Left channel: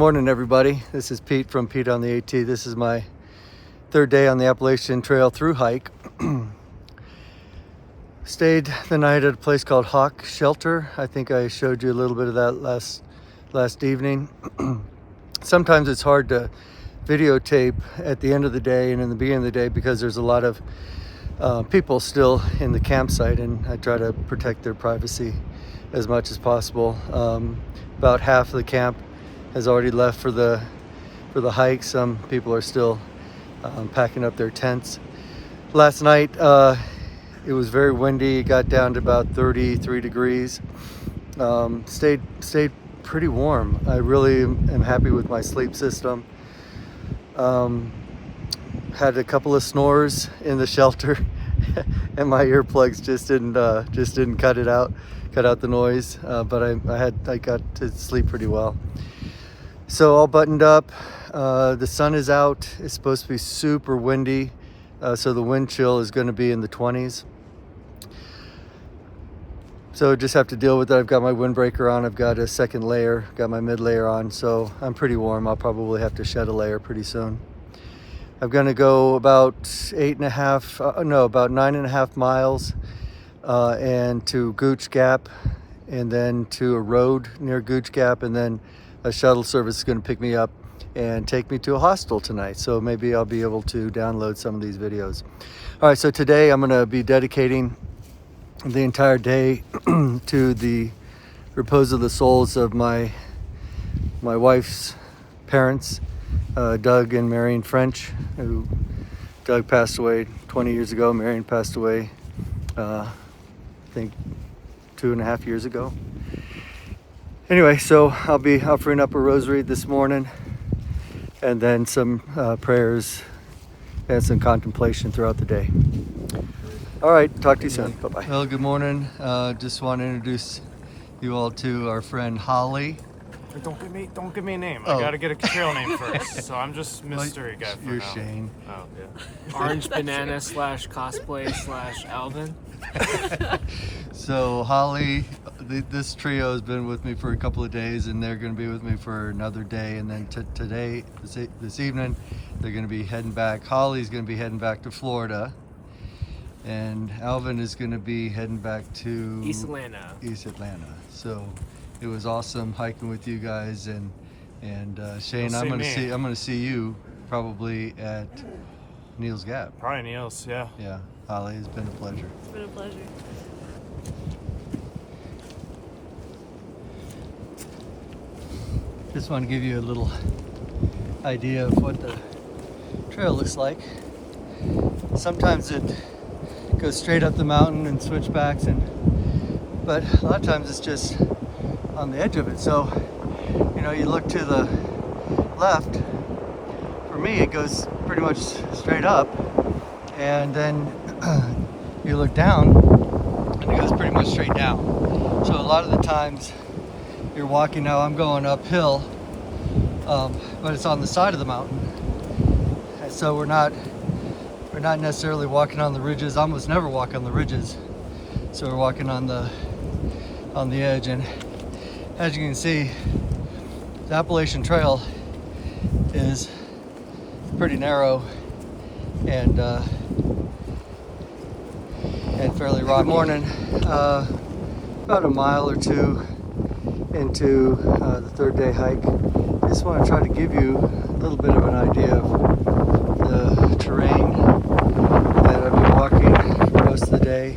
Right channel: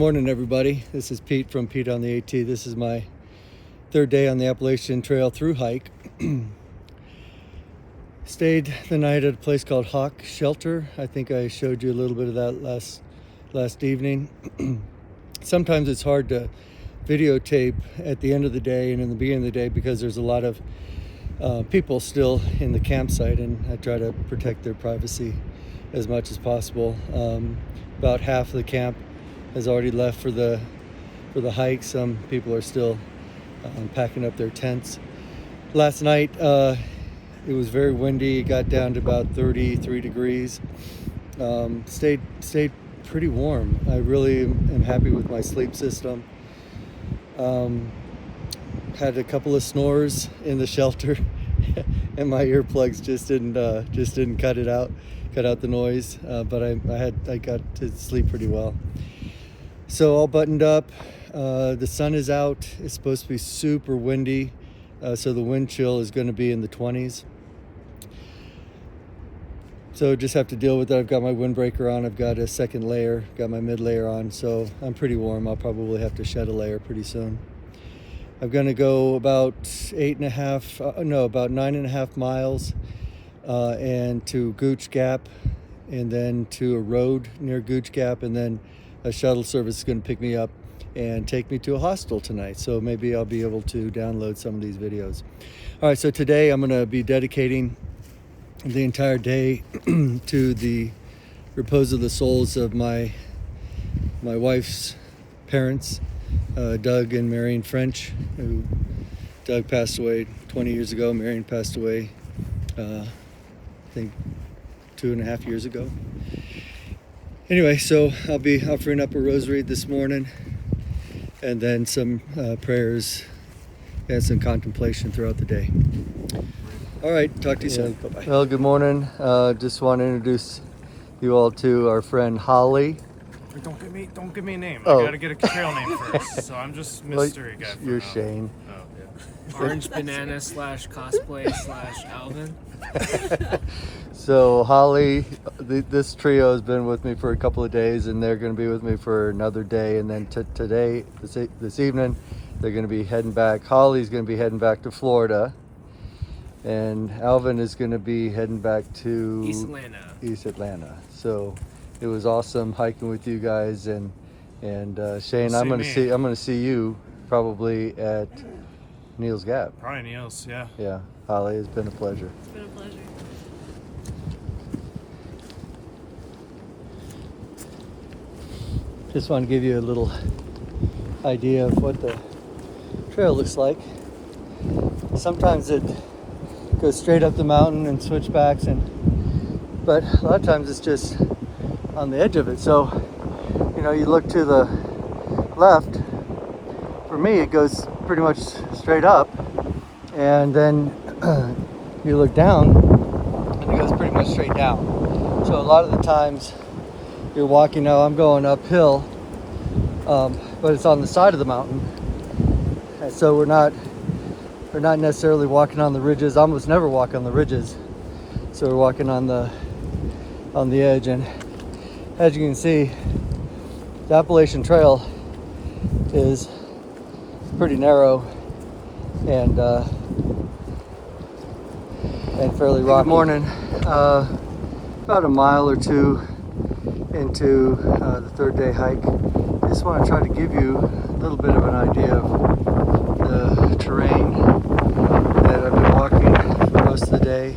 morning, everybody. This is Pete from Pete on the AT. This is my third day on the Appalachian Trail through hike. Stayed the night at a place called Hawk Shelter. I think I showed you a little bit of that last evening. Sometimes it's hard to videotape at the end of the day and in the beginning of the day because there's a lot of people still in the campsite, and I try to protect their privacy as much as possible. About half of the camp has already left for the hike. Some people are still packing up their tents. Last night it was very windy. It got down to about 33 degrees. Stayed pretty warm. I really am happy with my sleep system. Had a couple of snores in the shelter and my earplugs just didn't cut out the noise, but I got to sleep pretty well. So all buttoned up. The sun is out. It's supposed to be super windy, so the wind chill is going to be in the 20s. So just have to deal with that. I've got my windbreaker on. I've got a second layer, got my mid layer on, so I'm pretty warm. I'll probably have to shed a layer pretty soon. I'm going to go about 9.5 miles and to Gooch Gap, and then to a road near Gooch Gap, and then a shuttle service is going to pick me up and take me to a hostel tonight. So maybe I'll be able to download some of these videos. All right, so today I'm going to be dedicating the entire day to the repose of the souls of my wife's parents, Doug and Marion French. Doug passed away 20 years ago. Marion passed away I think 2.5 years ago. Anyway, so I'll be offering up a rosary this morning, and then some prayers and some contemplation throughout the day. All right, talk to you soon. Bye-bye. Well, good morning. Just want to introduce you all to our friend Holly. Don't give me a name. Oh. I gotta get a trail name first. So I'm just mystery guy for You're now. Shane. Oh yeah. Orange banana / cosplay / Alvin. So Holly, this trio has been with me for a couple of days, and they're going to be with me for another day. And then today, this evening, they're going to be heading back. Holly's going to be heading back to Florida, and Alvin is going to be heading back to East Atlanta. So it was awesome hiking with you guys, and Shane, You'll I'm going see me. to see you probably at Neil's Gap. Probably Niels, yeah. Yeah, Holly, it's been a pleasure. It's been a pleasure. Just want to give you a little idea of what the trail looks like. Sometimes it goes straight up the mountain and switchbacks, but a lot of times it's just on the edge of it. So, you look to the left. For me, it goes pretty much straight up, and then you look down, and it goes pretty much straight down. So a lot of the times you're walking, now I'm going uphill, but it's on the side of the mountain, and so we're not necessarily walking on the ridges. I almost never walk on the ridges, so we're walking on the edge. And as you can see, the Appalachian Trail is pretty narrow and fairly rocky. Good morning. About a mile or two into the third day hike. Just want to try to give you a little bit of an idea of the terrain that I've been walking most of the day.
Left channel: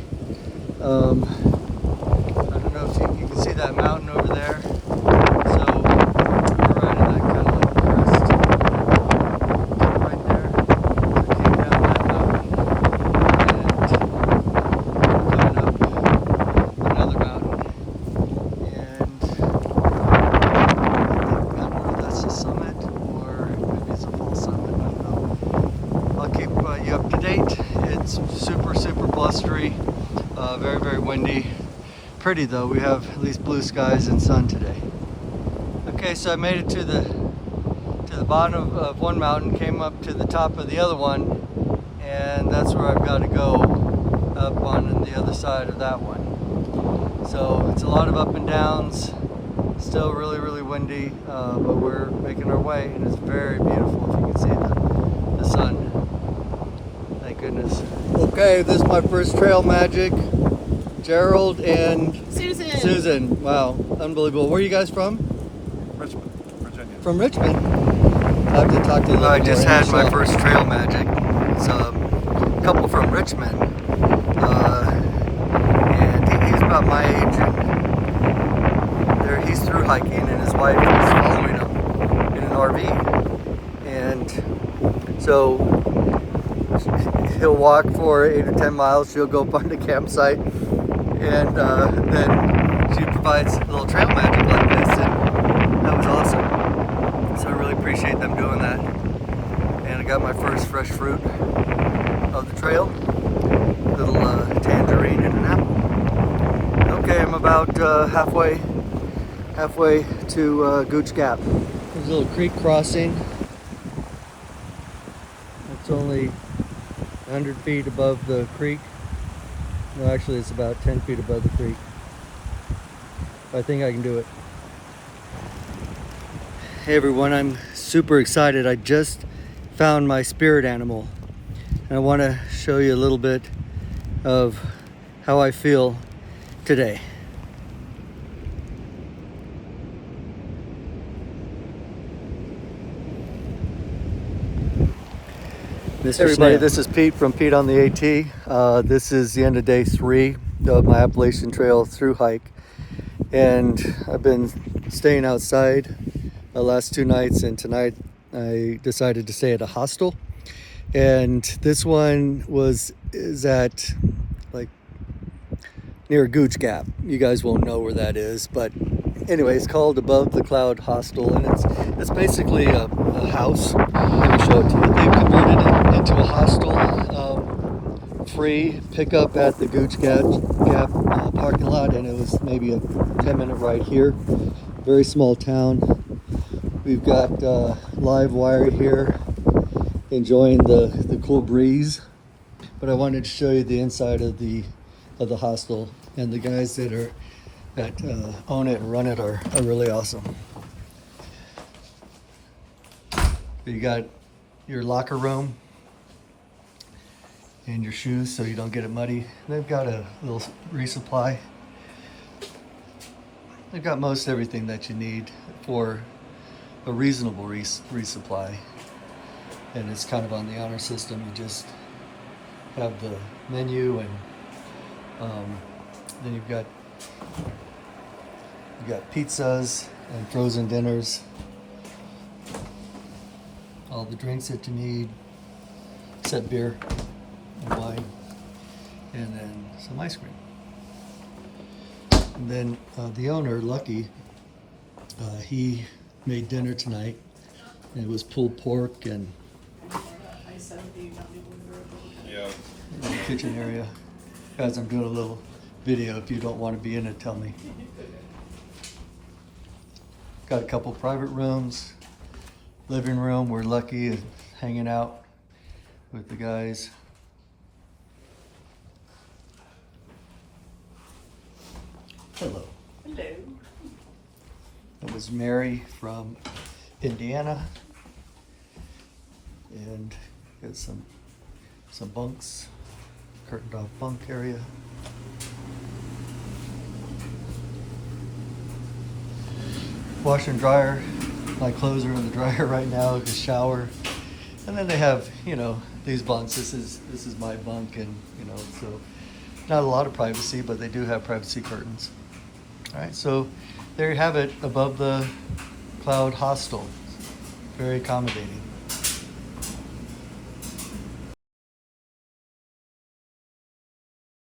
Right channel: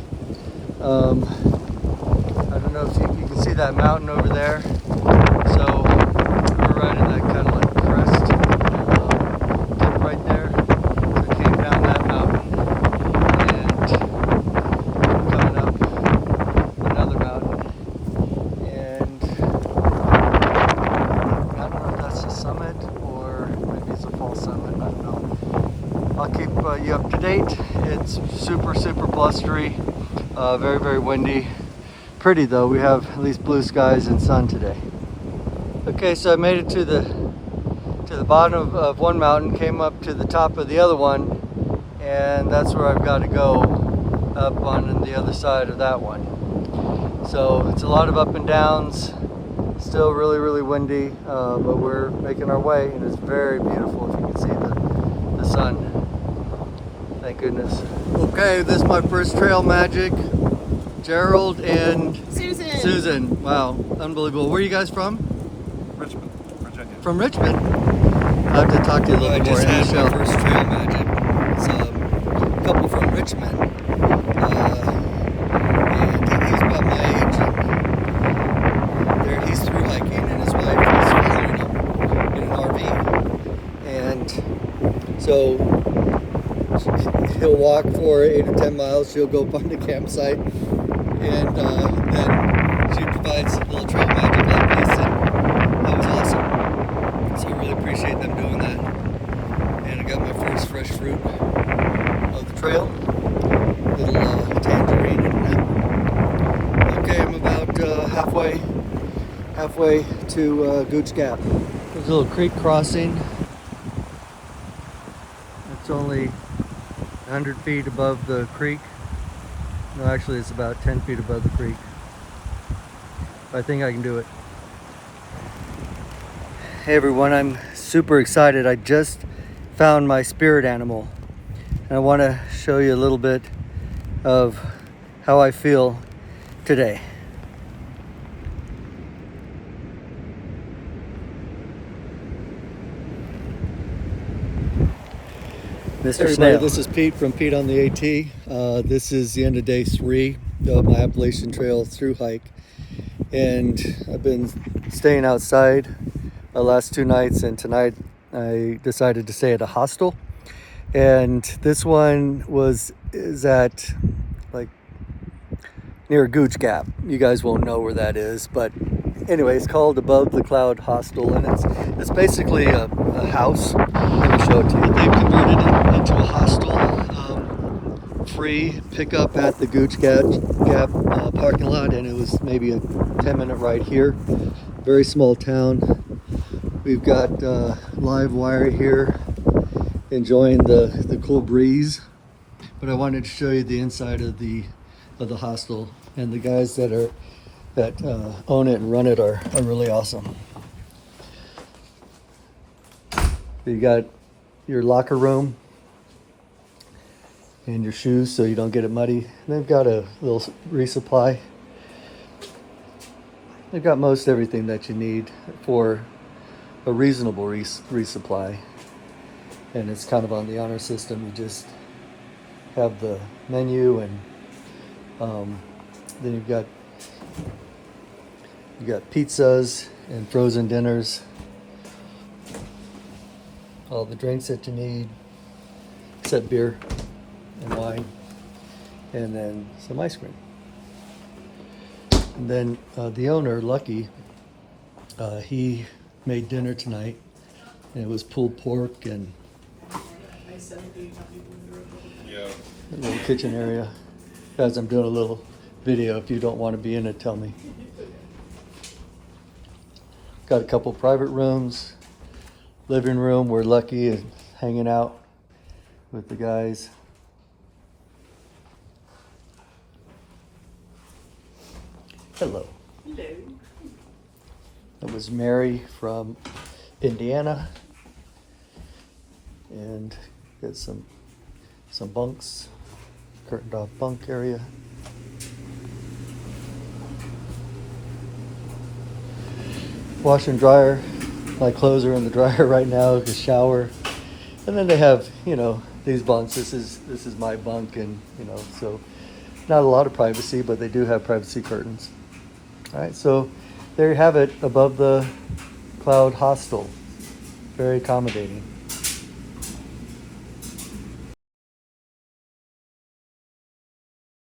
I don't know if you can see that mountain over there. So we're right in that kind of like crest right there. I came down that mountain and gone up another mountain. And that's the summit, or maybe it's a full summit, I don't know. I'll keep you up to date. It's super blustery, very, very windy. Pretty though, we have at least blue skies and sun today. Okay, so I made it to the bottom of one mountain, came up to the top of the other one, and that's where I've got to go, up on the other side of that one. So it's a lot of up and downs, still really, really windy, but we're making our way, and it's very beautiful. If you can see the sun. Thank goodness. Okay, this is my first trail magic. Gerald and Susan. Susan. Wow, unbelievable. Where are you guys from? Richmond, Virginia. From Richmond. I have to talk to you a little more. I just had my first trail magic. It's a couple from Richmond. And he's about my age. And he's through hiking, and his wife is following him in an RV. And so he'll walk for 8 to 10 miles. She'll go find a campsite, and then she provides a little trail magic like this. And that was awesome. So I really appreciate them doing that. And I got my first fresh fruit of the trail. Little tangerine and an apple. Okay, I'm about halfway to Gooch Gap. There's a little creek crossing. It's only 100 feet above the creek. No, actually it's about 10 feet above the creek. I think I can do it. Hey everyone, I'm super excited. I just found my spirit animal, and I want to show you a little bit of how I feel today. Mr. Everybody, this is Pete from Pete on the AT. This is the end of day 3 of my Appalachian Trail through hike, and I've been staying outside the last 2 nights, and tonight I decided to stay at a hostel. And this one is at like near Gooch Gap. You guys won't know where that is, but anyway, it's called Above the Cloud Hostel, and it's basically a house. Let me show it to you. They've converted it into a hostel. Free pickup at the Gooch Gap parking lot, and it was maybe a 10-minute ride here. Very small town. We've got live wire here, enjoying the cool breeze. But I wanted to show you the inside of the hostel, and the guys that own it and run it are really awesome. You got your locker room and your shoes so you don't get it muddy. They've got a little resupply. They've got most everything that you need for a reasonable resupply. And it's kind of on the honor system. You just have the menu, and then you've got pizzas and frozen dinners, all the drinks that you need, except beer and wine, and then some ice cream. And then the owner, Lucky, he made dinner tonight, and it was pulled pork and the kitchen area. Guys, I'm doing a little video. If you don't want to be in it, tell me. Got a couple private rooms, living room where Lucky is hanging out with the guys. Hello. Hello. It was Mary from Indiana, and got some bunks, curtained off bunk area. Wash and dryer. My clothes are in the dryer right now. The shower, and then they have these bunks. This is my bunk, and so not a lot of privacy, but they do have privacy curtains. All right, so there you have it, Above the Cloud Hostel. Very accommodating.